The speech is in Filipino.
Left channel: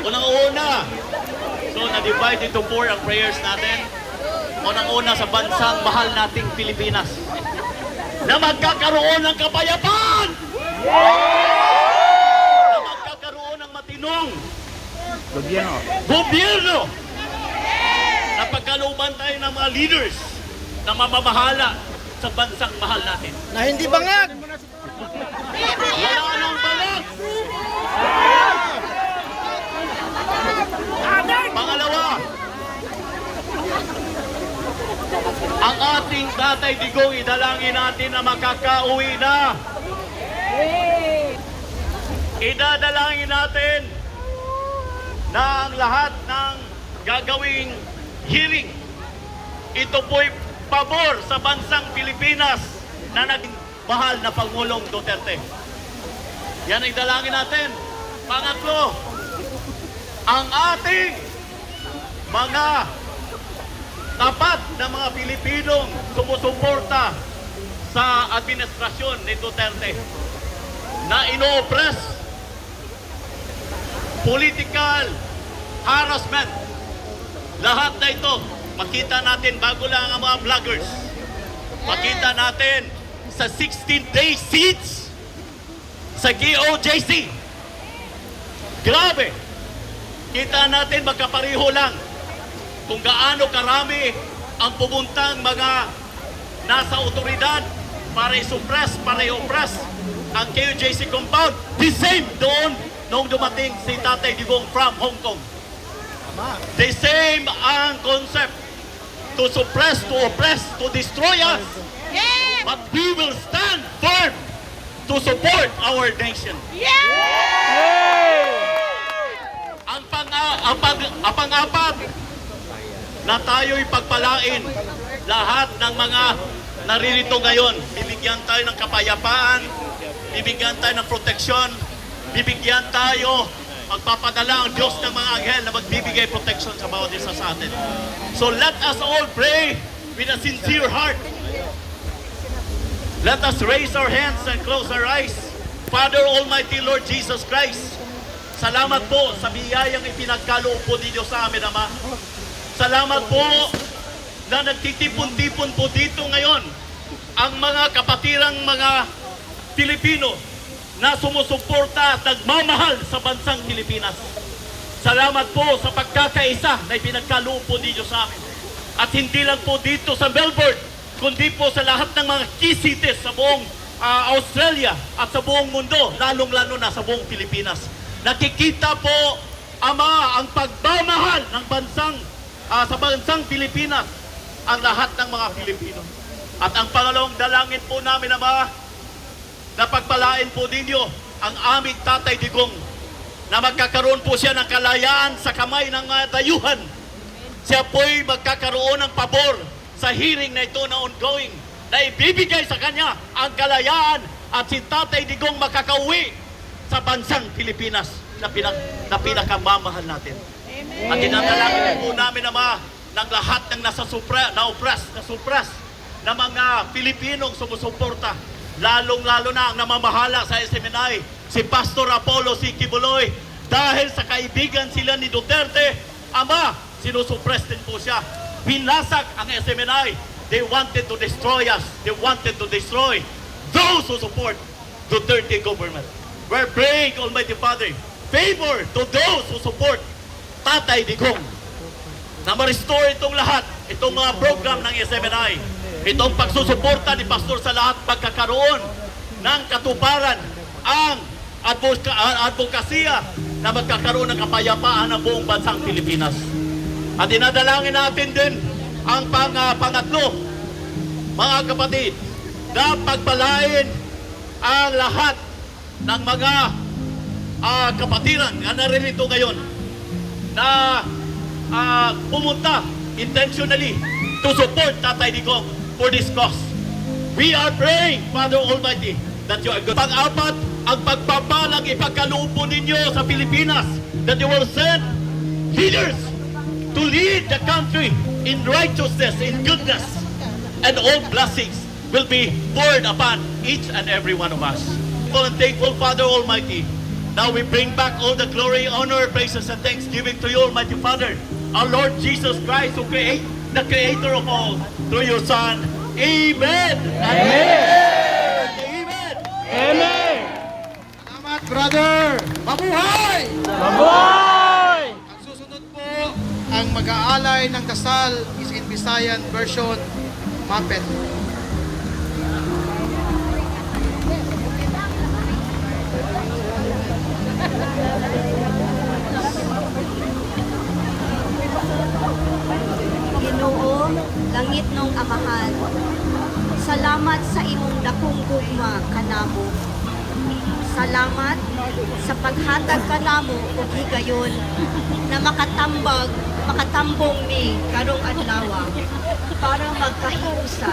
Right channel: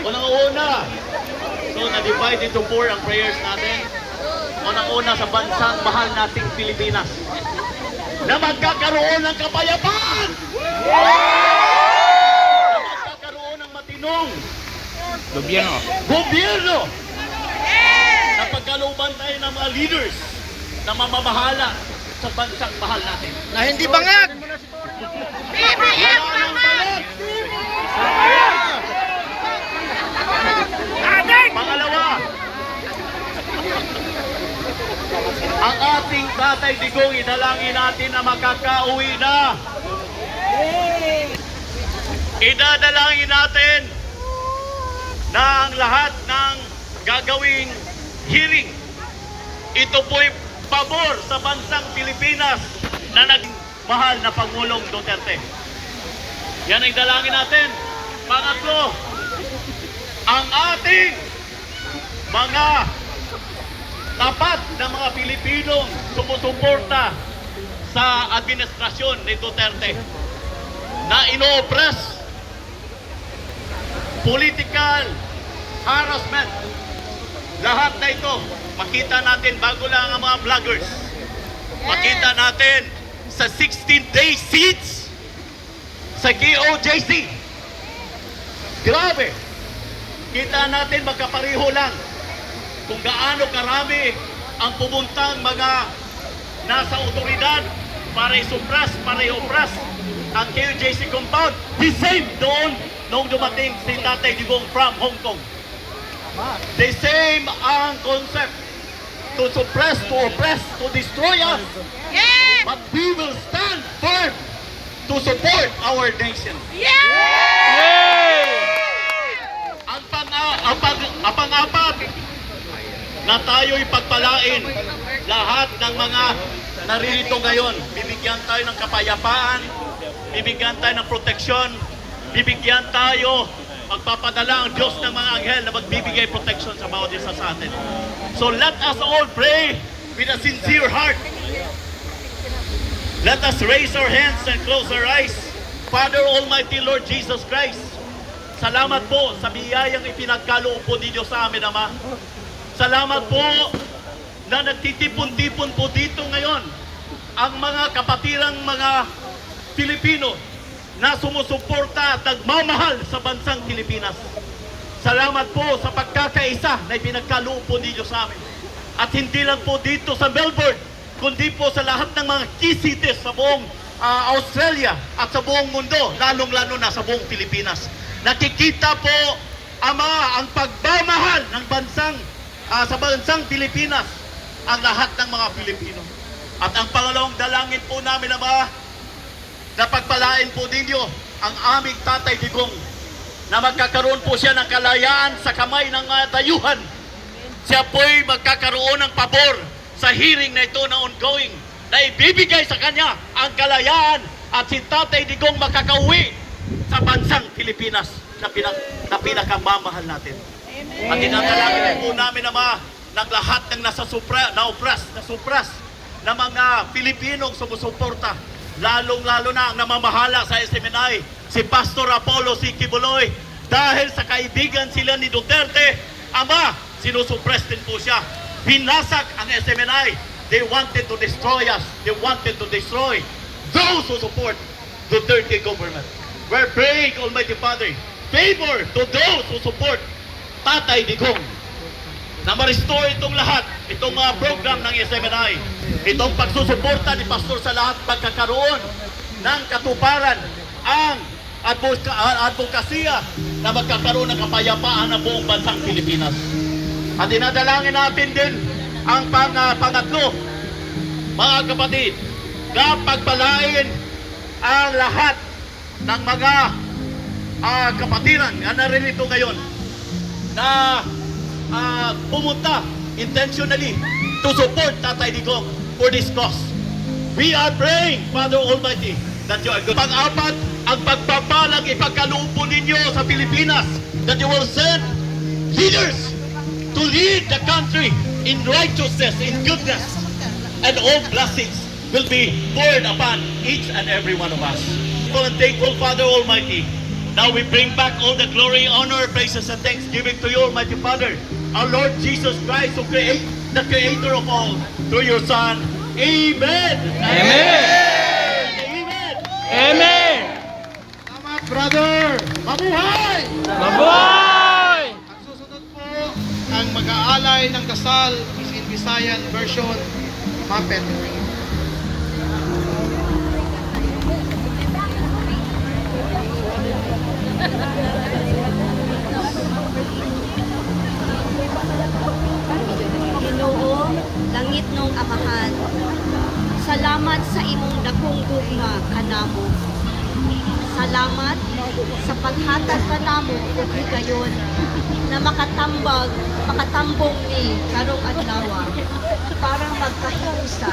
Unang-una, so na-divide into four ang prayers natin. Unang-una sa bansang mahal nating Pilipinas na magkakaroon ng kapayapaan! Na magkakaroon ng matinong gobyerno! Na pagkalooban tayo ng mga leaders na mamamahala sa bansang mahal natin. Na hindi bangag! Wala nang balag! Pangalawa, ang ating Tatay Digong, idalangin natin na makakauwi na. Idadalangin natin na ang lahat ng gagawing hearing, ito po'y pabor sa bansang Pilipinas na naging mahal na Pangulong Duterte. Yan ang dalangin natin. Pangatlo, ang ating mga tapat na mga Pilipinong sumusuporta sa administrasyon ni Duterte na ino-oppress, political harassment, lahat na ito makita natin bago lang ang mga vloggers. Makita natin sa 16-day siege sa KOJC. Grabe! Kita natin magkapareho lang kung gaano karami ang pumuntang mga nasa otoridad para i-suppress, para i-oppress ang KOJC compound. The same doon nung dumating si Tatay Digong from Hong Kong. The same ang concept. To suppress, to oppress, to destroy us. Yes! But we will stand firm to support our nation. Ang pang-apat na tayo'y pagpalain lahat ng mga naririto ngayon. Bibigyan tayo ng kapayapaan, bibigyan tayo ng proteksyon, bibigyan tayo, magpapadala ang Diyos ng mga anghel na magbibigay protection sa bawat isa sa atin. So let us all pray with a sincere heart. Let us raise our hands and close our eyes. Father Almighty Lord Jesus Christ, salamat po sa biyayang ipinagkaloob po ninyo sa amin, Ama. Salamat po na nagtitipon-tipon po dito ngayon ang mga kapatirang mga Pilipino na sumusuporta at nagmamahal sa bansang Pilipinas. Salamat po sa pagkakaisa na ipinagkaloob po ninyo sa amin. At hindi lang po dito sa Melbourne, kundi po sa lahat ng mga key cities sa buong Australia at sa buong mundo, lalong-lalo na sa buong Pilipinas. Nakikita po, Ama, ang pagmamahal ng sa bansang Pilipinas, ang lahat ng mga Pilipino. At ang pangalawang dalangin po namin, Ama, na pagpalain po ninyo ang aming Tatay Digong na magkakaroon po siya ng kalayaan sa kamay ng dayuhan. Siya po'y magkakaroon ng pabor sa hearing na ito na ongoing, na ibibigay sa kanya ang kalayaan at si Tatay Digong makakauwi sa bansang Pilipinas na pinakamamahal natin. At dinadalangin po namin, Ama, ng lahat ng nasupras na mga Pilipinong sumusuporta, lalong-lalo na ang namamahala sa SMNI, si Pastor Apollo C. Kibuloy, dahil sa kaibigan sila ni Duterte, Ama, sinusuppress din po siya. Binasak ang SMNI. They wanted to destroy us. They wanted to destroy those who support Duterte government. We're praying, Almighty Father, favor to those who support Tatay Digong, na ma-restore itong lahat, itong mga program ng SMNI, itong pagsusuporta ni Pastor sa lahat, pagkakaroon ng katuparan, ang advokasya na magkakaroon ng kapayapaan ng buong bansang Pilipinas. At dinadalangin natin din ang pangatlo, mga kapatid, na pagpalain ang lahat ng mga kapatiran na naririto ngayon na pumunta intentionally to support Tatay Digong for this cause. We are praying, Father Almighty, that you are good. Pang-apat, ang pagpapalang ipagkaloob po ninyo sa Pilipinas, that you will send leaders to lead the country in righteousness, in goodness, and all blessings will be poured upon each and every one of us. And thankful, Father Almighty, Now we bring back all the glory, honor, praises, and thanksgiving to you, Almighty Father, our Lord Jesus Christ, who create the Creator of all, through your Son. Amen. Amen. Amen. Amen. Salamat, brother! Mabuhay! Mabuhay! Ang susunod po, ang mag-aalay ng dasal is in Visayan version, Mapet. Ginoo, langit nung amahan, salamat sa imong dakong gugma kanamo. Salamat sa paghatag kanamo ug higayon na makatambong ni karong adlaw para magkakusa